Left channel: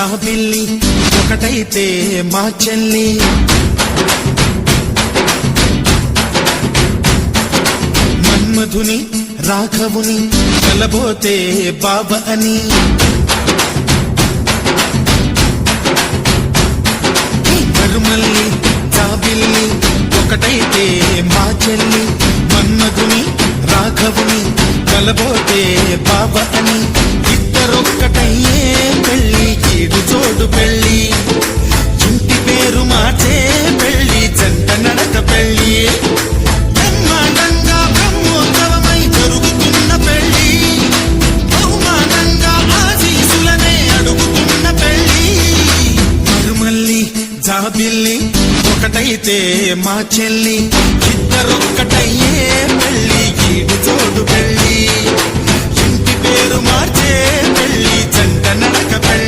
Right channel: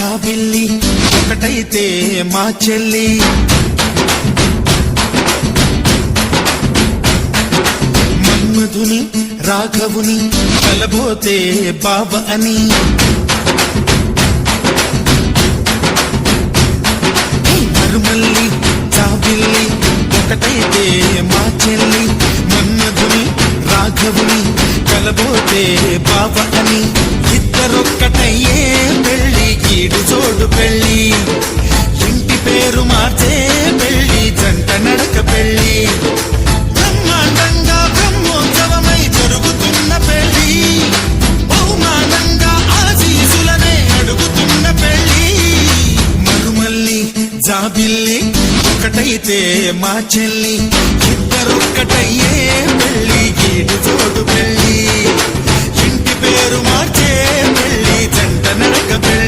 జాబిల్లి ఒకటైతే మా చెల్లి మన్మధుని రాఘవుని కలబోతే బాబ అని మరుమల్లి జాబిల్లి ఒకటైతే మా చెల్లి మన్మధుని రాఘవుని కలబోతే బాబ అని ఇద్దరొక్కటయ్యే పెళ్ళి కీడు చోడు పెళ్ళి ఇంటి పేరు మార్చే పెళ్ళి జంట నడక పెళ్ళి బ్రహ్మాండంగా బ్రహ్మోత్సవమై జరుగుతున్న పెళ్ళి బహుమానంగా ఆశీసులనే అడుగుతున్న పెళ్ళి మరుమల్లి జాబిల్లి ఒకటైతే మా చెల్లి ఇద్దరొక్కటయ్యే పెళ్ళి కీడు చోడు పెళ్ళి ఇంటి పేరు మార్చే పెళ్ళి జంట నడక పెళ్ళి